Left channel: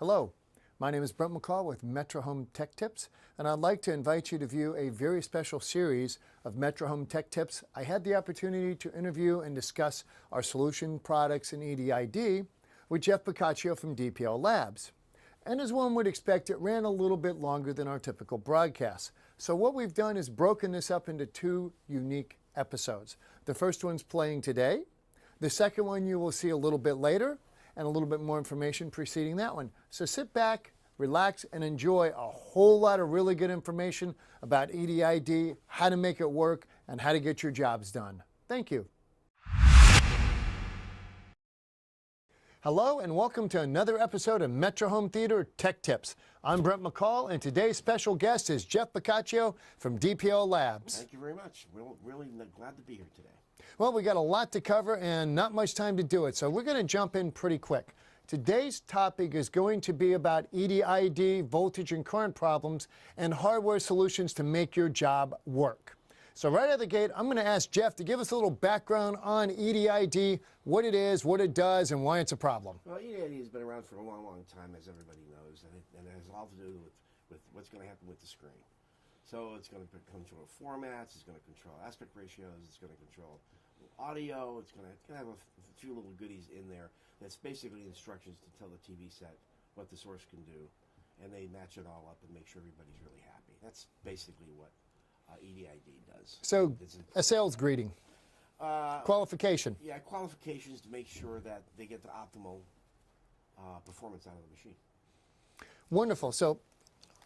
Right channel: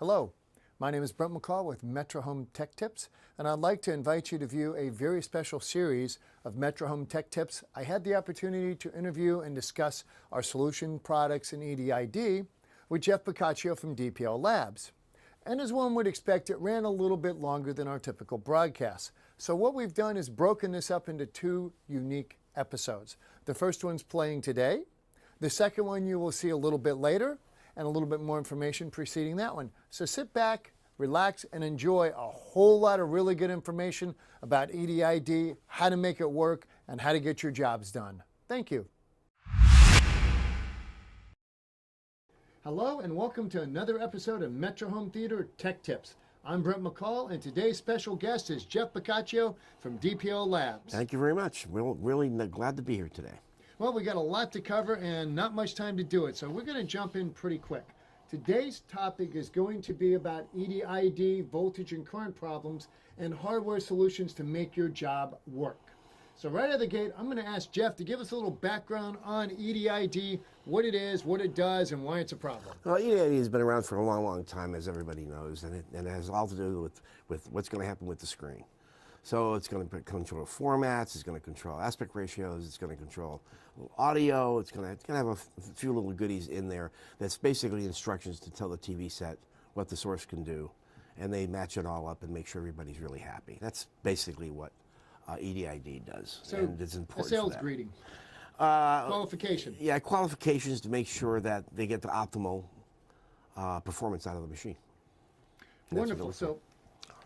Hello, my name is Brent McCall with Metra Home Tech Tips, and I'd like to invite you to view a very special series of Metra Home Tech Tips. I had the opportunity to interview and discuss our solution products in EDID with Jeff Boccaccio from DPL Labs. And as one would expect, it ran a little bit longer than our typical broadcast. So what we've done is broken this up into two unique episodes. The first one's playing today. The second one you will see a little bit later, and a little bit more information preceding that one. So sit back, relax, and enjoy a whole lot of really good information about EDID, how to make it work, and how to get your jobs done. Thank you. Hello, and welcome to another episode of Metra Home Theatre Tech Tips. I'm Brent McCall, and today's special guest is Jeff Boccaccio from DPL Labs. Thank you very much. We're really glad to be here today. Well, we got a lot to cover and not much time to do it, so we're going to jump in pretty quick. Today's topic is going to be about EDID, voltage and current problems, and hardware solutions to make your job work. So right out of the gate, I'm going to ask Jeff to give us a little background on EDID, what it is, what it does, and why it's a problem. Well, EDID has been around for a long, long time, as everybody knows, and it has all to do with what's going to happen with the screen. So it's going to control formats, it's going to control aspect ratios, it's going to control audio, it's going to have a few little goodies in there that's basically instructions to tell the TV set what the source can do, and they match it all up and make sure everybody's really happy. That's basically what EDID does. So a sales greeting, qualification. Yeah, qualifications to make sure that they get the optimal performance out of the machine. Wonderful. So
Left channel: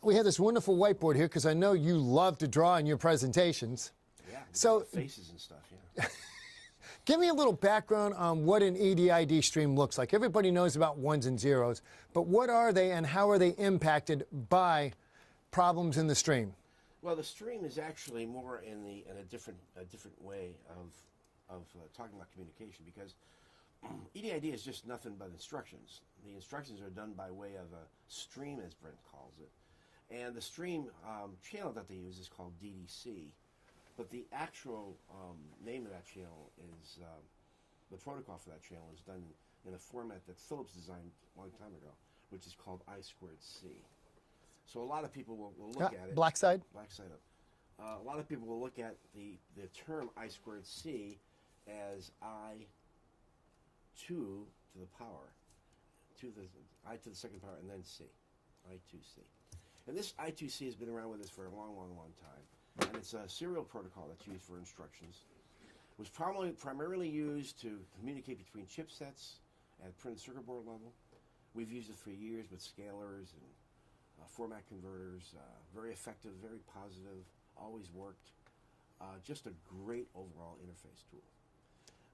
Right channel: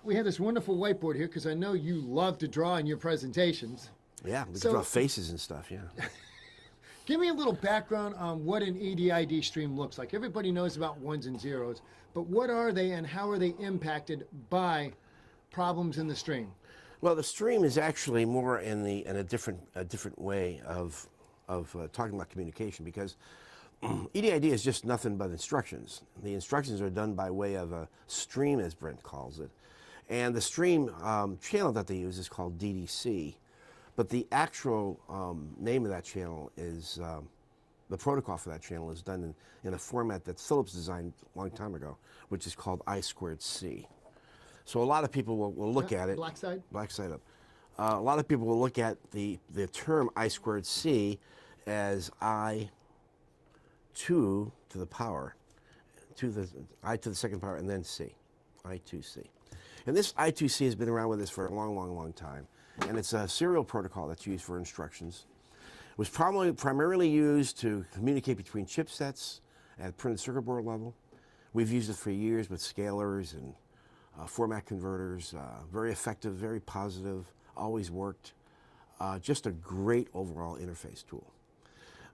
we have this wonderful whiteboard here because I know you love to draw in your presentations. Yeah, draw faces and stuff, yeah. Give me a little background on what an EDID stream looks like. Everybody knows about ones and zeros, but what are they and how are they impacted by problems in the stream? Well, the stream is actually more in a different way of talking about communication, because EDID is just nothing but instructions. The instructions are done by way of a stream, as Brent calls it. And the stream channel that they use is called DDC, but the actual name of that channel is, the protocol for that channel is done in a format that Philips designed a long time ago, which is called I²C. So a lot of people will look at it. Black side? Black side up. A lot of people will look at the term I²C as I2 to the power, I to the second power, and then C, I2C. And this I2C has been around with us for a long, long, long time. And it's a serial protocol that's used for instructions. It was primarily used to communicate between chipsets at printed circuit board level. We've used it for years with scalers and format converters. Very effective, very positive, always worked. Just a great overall interface tool.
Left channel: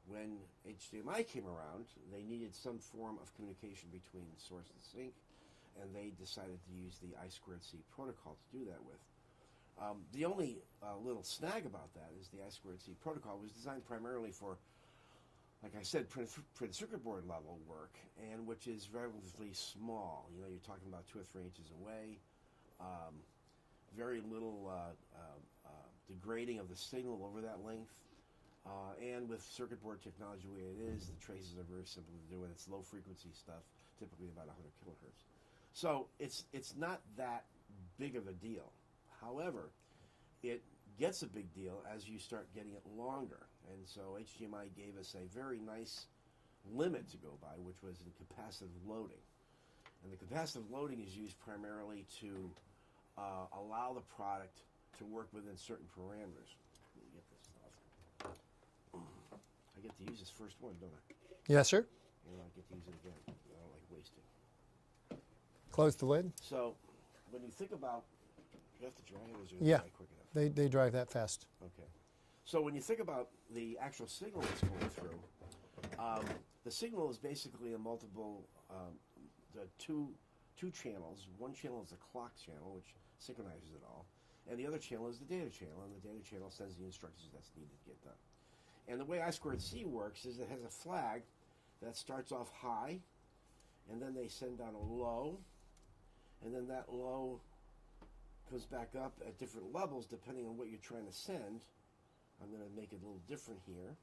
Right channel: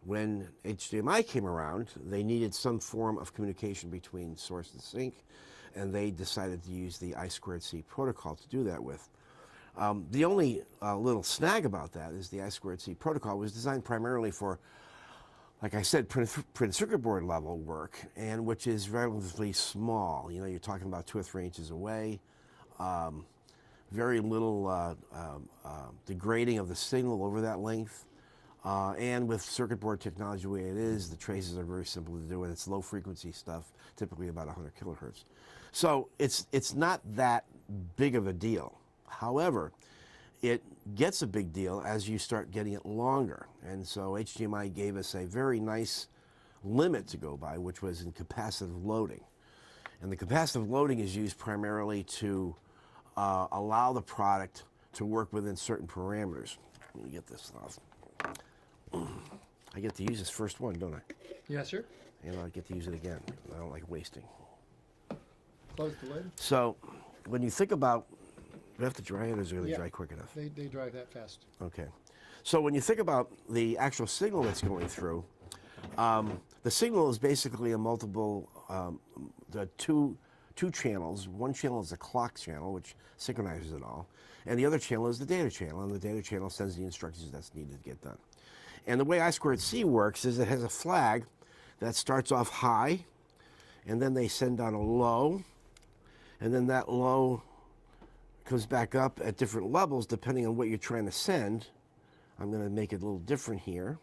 When HDMI came around, they needed some form of communication between source and sink, and they decided to use the I²C protocol to do that with. The only little snag about that is the I²C protocol was designed primarily for, like I said, printed circuit board level work, and which is relatively small. You know, you're talking about 2 or 3 inches away. Very little degrading of the signal over that length. And with circuit board technology the way it is, the traces are very simple to do, and it's low frequency stuff, typically about 100 kilohertz. So it's not that big of a deal. However, it gets a big deal as you start getting it longer. And so HDMI gave us a very nice limit to go by, which was in capacitive loading. And the capacitive loading is used primarily to allow the product to work within certain parameters. Let me get this off. I get to use this first one, don't I? Yes, sir. And I get to use it again. I don't like wasting. Close the lid. So when you think about, do I have to dry it, or is it going to dry quick enough? They dry that fast. Okay. So when you think about the actual signal that's going through, the signal is basically a multiple, the two channels. One channel is the clock channel, which synchronizes it all, and the other channel is the data channel, and the data channel sends the instructions that's needed to get done. And the way I²C works is it has a flag that starts off high, and then they send down a low, and then that low comes back up at different levels depending on what you're trying to send. I'm going to make it a little different here.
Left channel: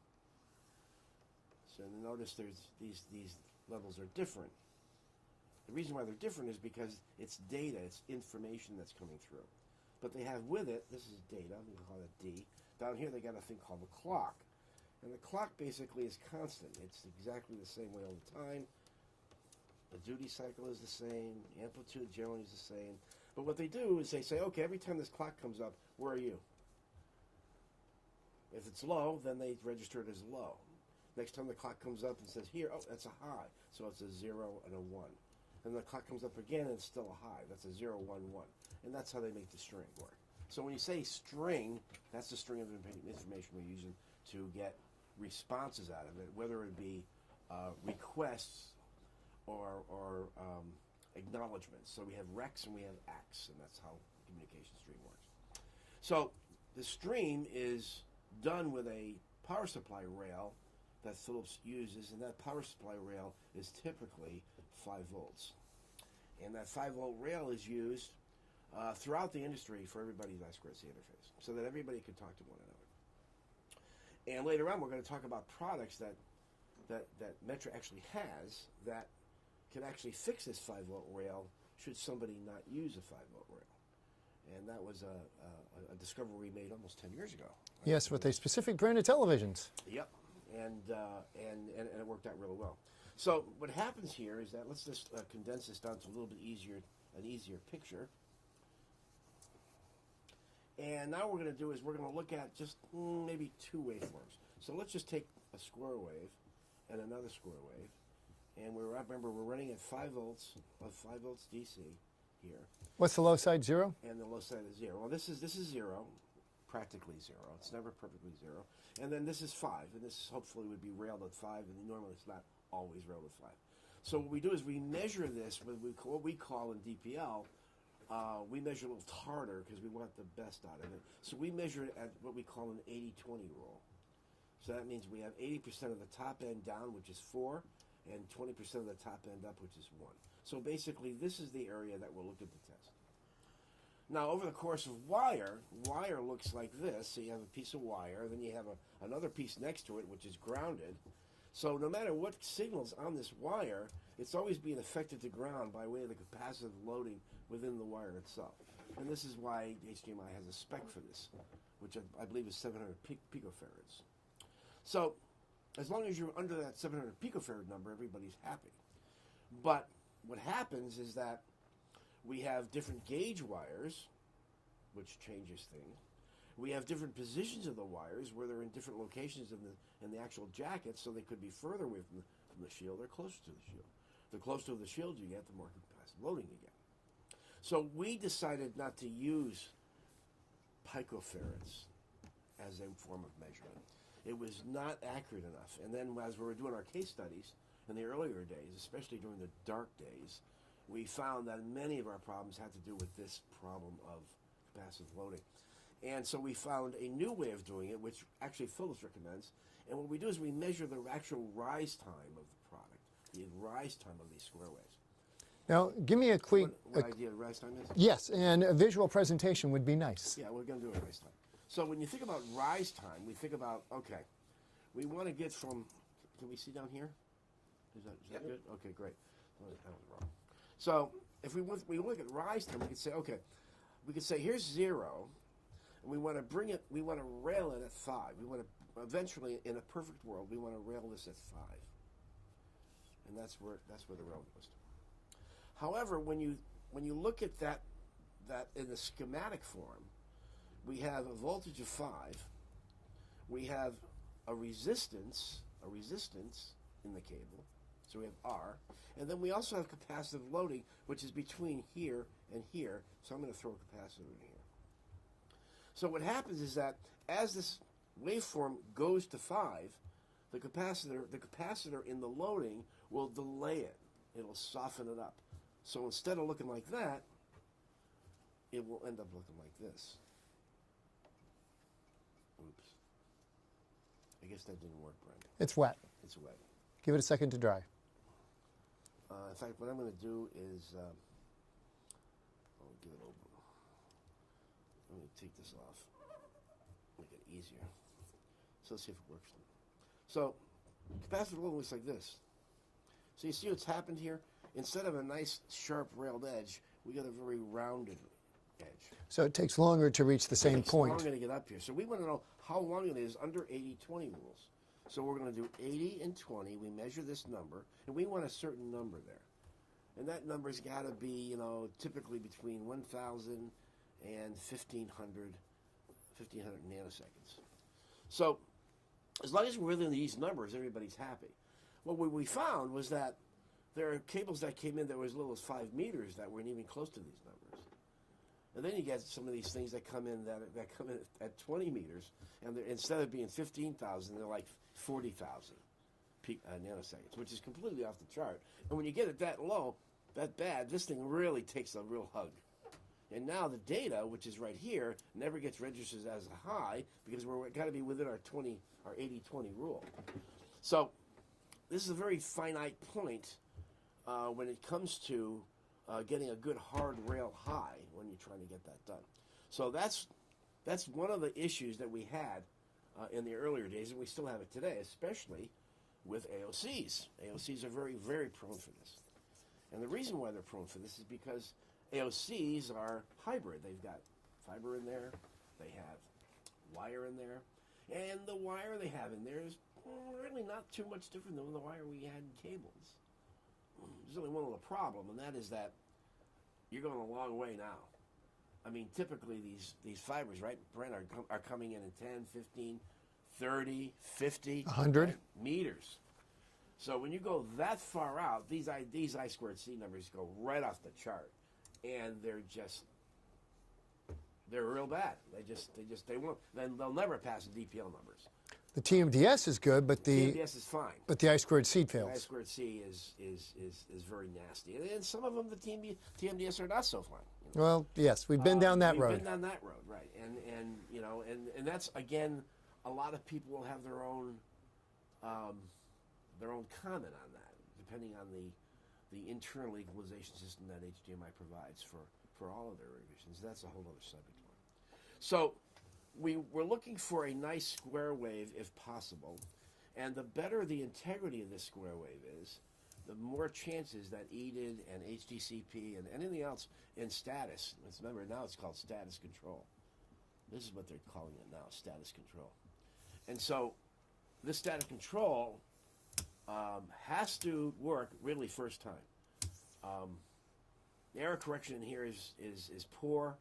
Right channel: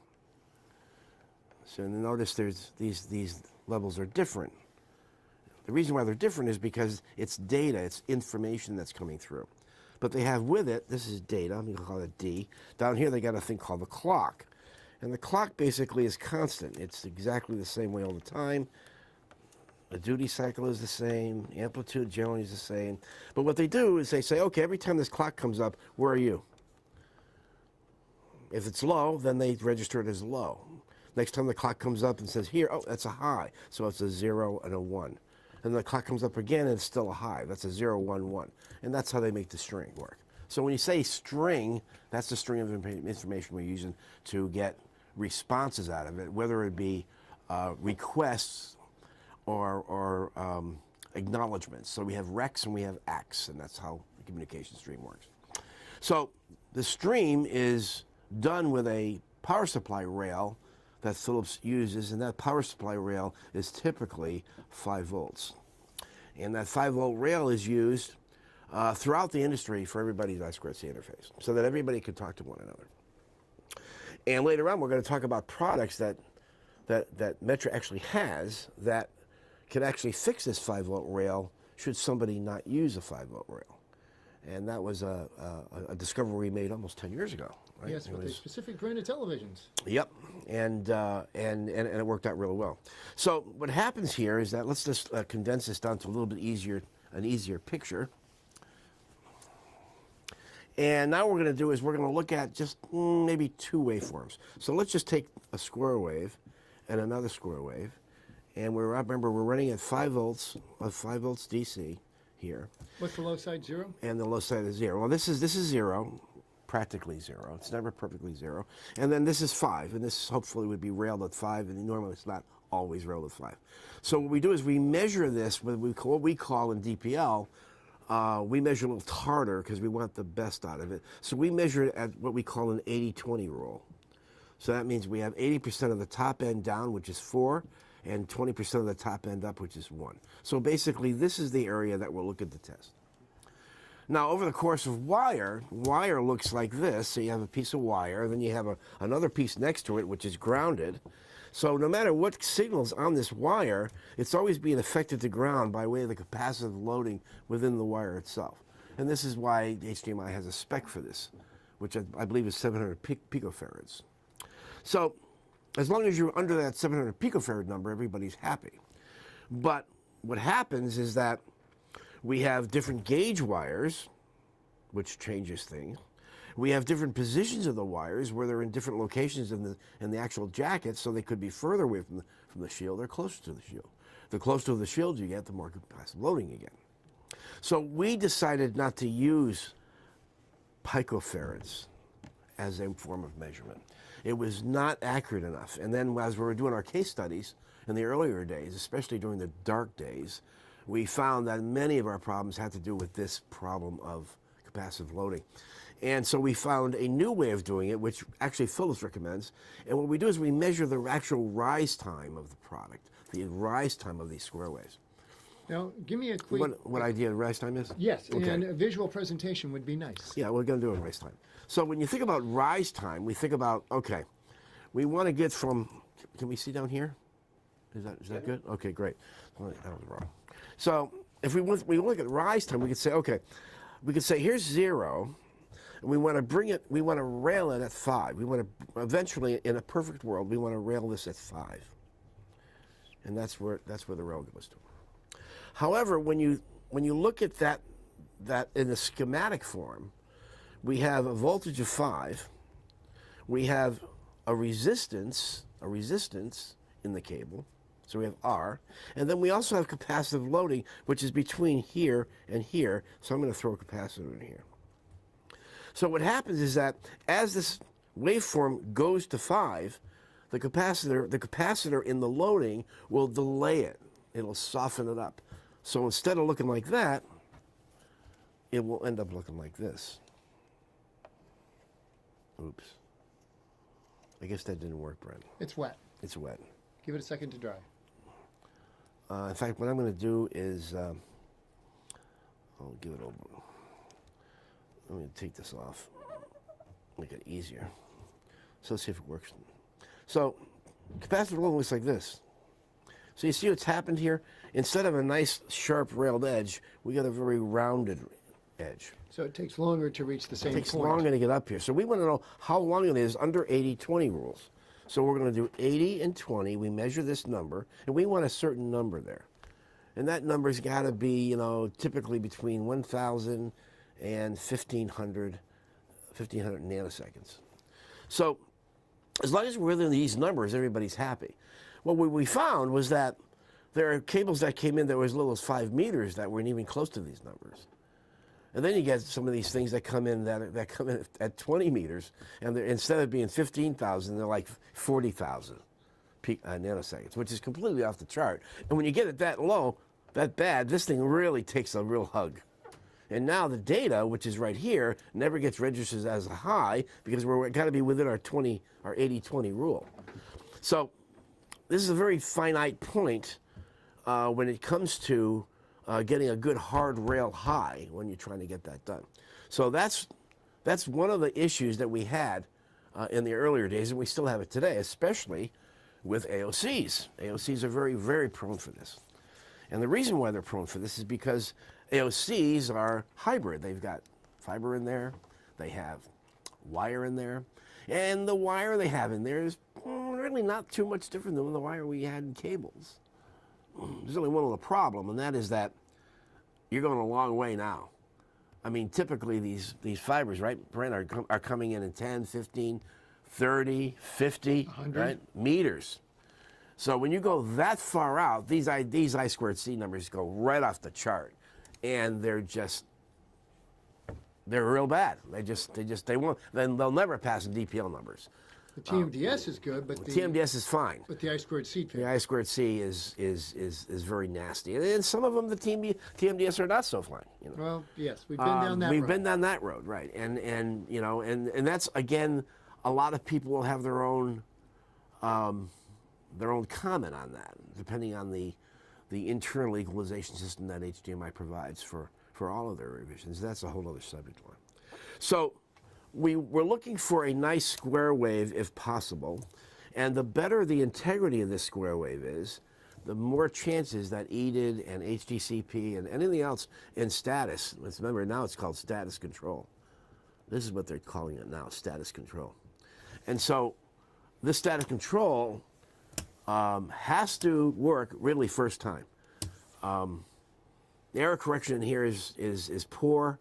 So notice there's these levels are different. The reason why they're different is because it's data, it's information that's coming through. But they have with it, this is data, I'm going to call it D. Down here they got a thing called the clock. And the clock basically is constant. It's exactly the same way all the time. The duty cycle is the same, amplitude generally is the same. But what they do is they say, okay, every time this clock comes up, where are you? If it's low, then they register it as low. Next time the clock comes up and says here, oh, that's a high. So it's a 0 and a 1. And the clock comes up again and it's still a high. That's a 0, 1, 1. And that's how they make the string work. So when you say string, that's the string of information we're using to get responses out of it, whether it be requests or acknowledgments. So we have recs and we have acts, and that's how the communication stream works. So the stream is done with a power supply rail that Philips uses, and that power supply rail is typically 5 volts. And that 5-volt rail is used throughout the industry for everybody's I2C interface, so that everybody can talk to one another. And later on, we're going to talk about products that Metra actually has that can actually fix this 5-volt rail should somebody not use a 5-volt rail. And that was a discovery we made almost 10 years ago. Right? Yes, with a specific brand of televisions. Yep, and it worked out really well. So what happens here is that, let's just condense this down to a little bit easier, an easier picture. And now what we're going to do is we're going to look at just maybe 2 waveforms. So let's just take a square wave and another square wave. And remember, we're running at 5 volts, 5 volts DC here. What's the low side, 0? And the low side is 0. Well, this is 0, practically 0. It's never perfectly 0. And then this is 5, and this hopefully would be railed at 5, and normally it's not always railed at 5. So what we do is we measure this with what we call in DPL, we measure a little harder because we want the best out of it. So we measure it at what we call an 80-20 rule. So that means we have 80% of the top end down, which is 4, and 20% of the top end up, which is 1. So basically, this is the area that we'll look at the test. Now, over the course of wire looks like this. So you have a piece of wire, then you have another piece next to it, which is grounded. So no matter what signal's on this wire, it's always being affected to ground by way of the capacitive loading within the wire itself. And this is why HDMI has a spec for this, which I believe is 700 picofarads. So as long as you're under that 700 picofarad number, everybody's happy. But what happens is that we have different gauge wires, which changes things. We have different positions of the wires where they're in different locations in the actual jacket, so they could be further away from the shield or closer to the shield. The closer to the shield you get, the more capacitive loading you get. So we decided not to use picofarads as a form of measurement. It was not accurate enough. And then as we were doing our case studies in the earlier days, especially during the dark days, we found that many of our problems had to do with this problem of capacitive loading. And so we found a new way of doing it, which actually Philips recommends. And what we do is we measure the actual rise time of the product, the rise time of these square waves. Now, give me a quick... What idea of rise time is? Yes, okay. And a visual presentation would be nice. Yeah, we're going to do a rise time. So when you think about rise time, we think about, okay, we want to get from, can we see down here? Is that good? Okay, great. That was wrong. So if we look at rise time, we could say, okay, we could say here's 0, and we want to bring it, we want to rail it at 5. We want to, eventually, in a perfect world, we want to rail this at 5. And that's where the rail goes to. However, when you look at that in the schematic form, we have a voltage of 5, we have a resistance in the cable, so we have R, and then we also have capacitive loading, which is between here and here, so I'm going to throw a capacitor in here. So what happens is that as this waveform goes to 5, the capacitor in the loading will delay it. It'll soften it up. So instead of looking like that, it will end up looking like this. Oops. I guess that didn't work, Brent. It's wet. It's wet. Give it a second to dry. In fact, what I'm going to do is, I'll give it over. I'm going to take this off, make it easier. So let's see if it works. So capacitive loading looks like this. So you see what's happened here? instead of a nice sharp railed edge, we got a very rounded edge. So it takes longer to reach the same It takes point. longer to get up here. So we want to know how long it is under 80-20 rules. So we're going to do 80 and 20. We measure this number, and we want a certain number there. And that number's got to be, you know, typically between 1,000 and 1,500 nanoseconds. So as long as we're within these numbers, everybody's happy. What we found was that there are cables that came in that were as little as 5 meters that weren't even close to these numbers. And then you get some of these things that come in that come in at 20 meters, and instead of being 15,000, they're like 40,000 nanoseconds, which is completely off the chart. And when you get it that low, that bad, this thing really takes a real hug. And now the data, which is right here, never gets registered as a high because we're got to be within our 80-20 rule. So this is a very finite point when it comes to getting a good hard rail high when you're trying to get that done. So that's one of the issues that we had in the earlier days, and we still have it today, especially with AOCs. AOCs are very, very prone for this. And the reason why they're prone for this is because AOCs are hybrid. They've got fiber in there, they have wire in there, and the wire they have in there is really not too much different than the wire we had in cables. There's only one little problem, and that is that you're going a long way now. I mean, typically these fibers, right, Brent, are coming in 10, 15, 30, 50 right, meters. So when you go that far out, these I squared C numbers go right off the chart, and they're real bad. They won't. Then they'll never pass the DPL numbers. The TMDS is good, but the TMDS is fine. But the I squared C fails. The I squared C is very nasty, and some of them the TMDS are not so fine. You know? Well, yes, we've been down that road. We've been down that road, right? And you know, and that's again, a lot of people will have their own comment on that, depending on the internal equalization system that HDMI provides for all of their revisions. That's a whole other subject line. So we're looking for a nice square wave if possible, and the better the integrity of this square wave is, the more chances that EDID and HDCP and anything else in status, let's remember now it's called status control. This is what they're calling it now, status control. And so this status control has to work really first time. The error correction in here is poor.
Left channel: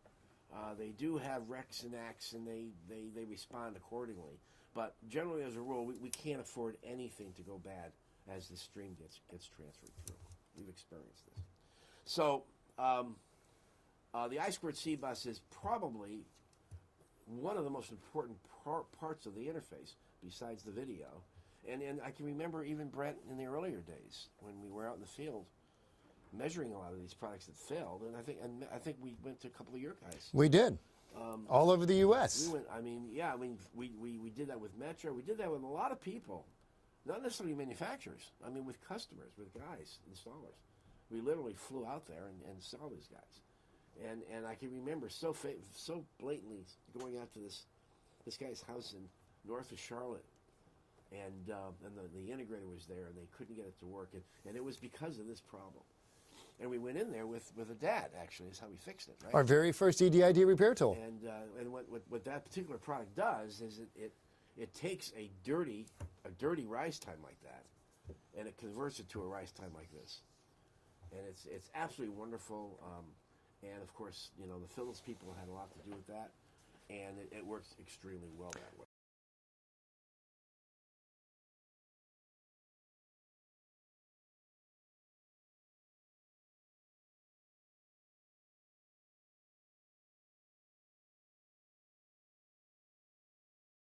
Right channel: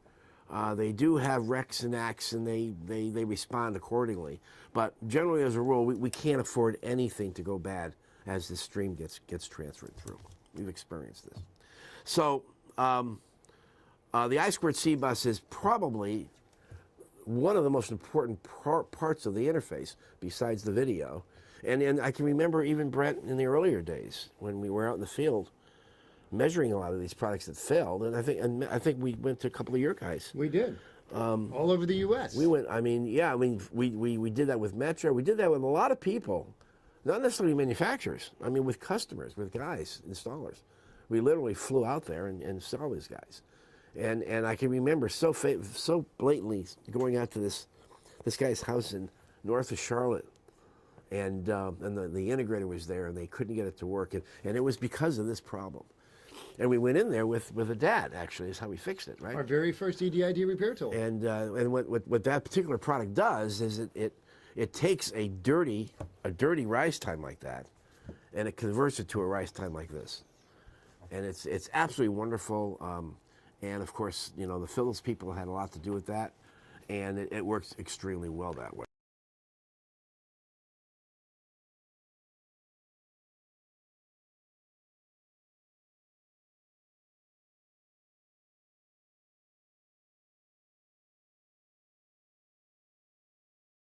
They do have recs and acts, and they respond accordingly. But generally, as a rule, we can't afford anything to go bad as the stream gets transferred through. We've experienced this. So the I squared C bus is probably one of the most important parts of the interface, besides the video. And I can remember even Brent in the earlier days when we were out in the field measuring a lot of these products that failed, and I think we went to a couple of your guys. We did. All over the U.S. We went. I mean, yeah. I mean, we did that with Metra. We did that with a lot of people, not necessarily manufacturers. I mean, with customers, with guys, installers. We literally flew out there and saw these guys, and I can remember so blatantly going out to this guy's house in north of Charlotte. And the integrator was there, and they couldn't get it to work, and it was because of this problem. And we went in there with a dad, actually, is how we fixed it, right? Our very first EDID repair tool. And what that particular product does is it takes a dirty rise time like that, and it converts it to a rise time like this. And it's absolutely wonderful. And of course, you know, the Philips people had a lot to do with that, and it works extremely well that way.